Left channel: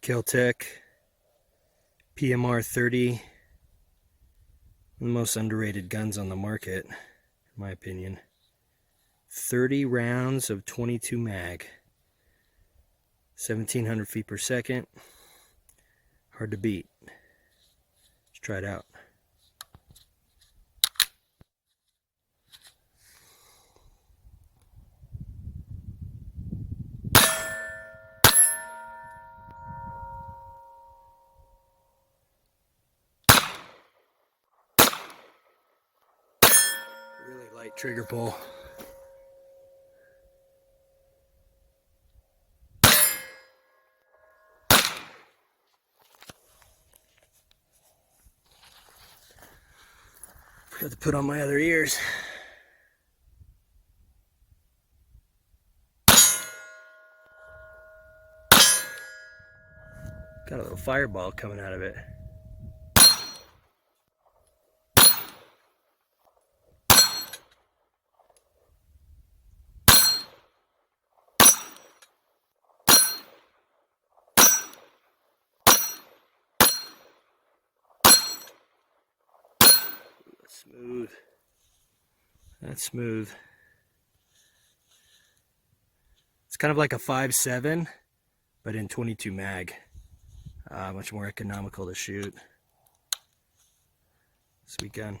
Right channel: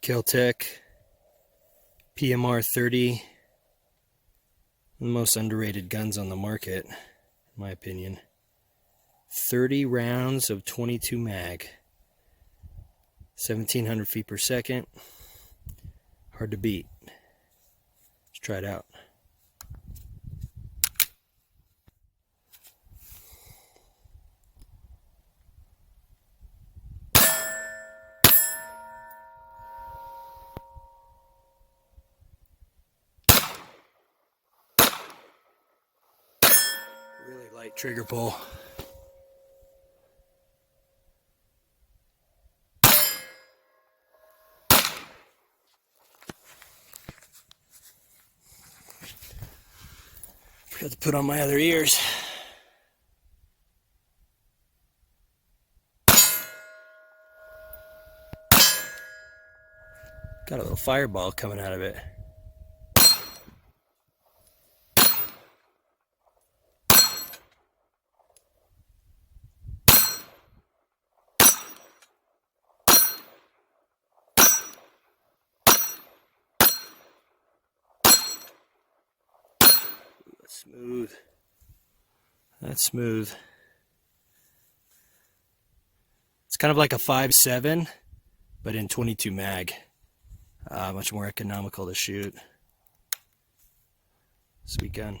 Kel-Tec PMR-30, one of the most underrated guns on the market, in my opinion. 30 rounds of 22 mag, 1700 feet per second, hard to beat. Let's try it out. Really light trigger pull. Forgot to put on my other ears. Got a little fireball coming out of it. Smooth. That's smooth. It's kind of like a 5.7, but in 22 mag. Much more economical to shoot. Sweet gun.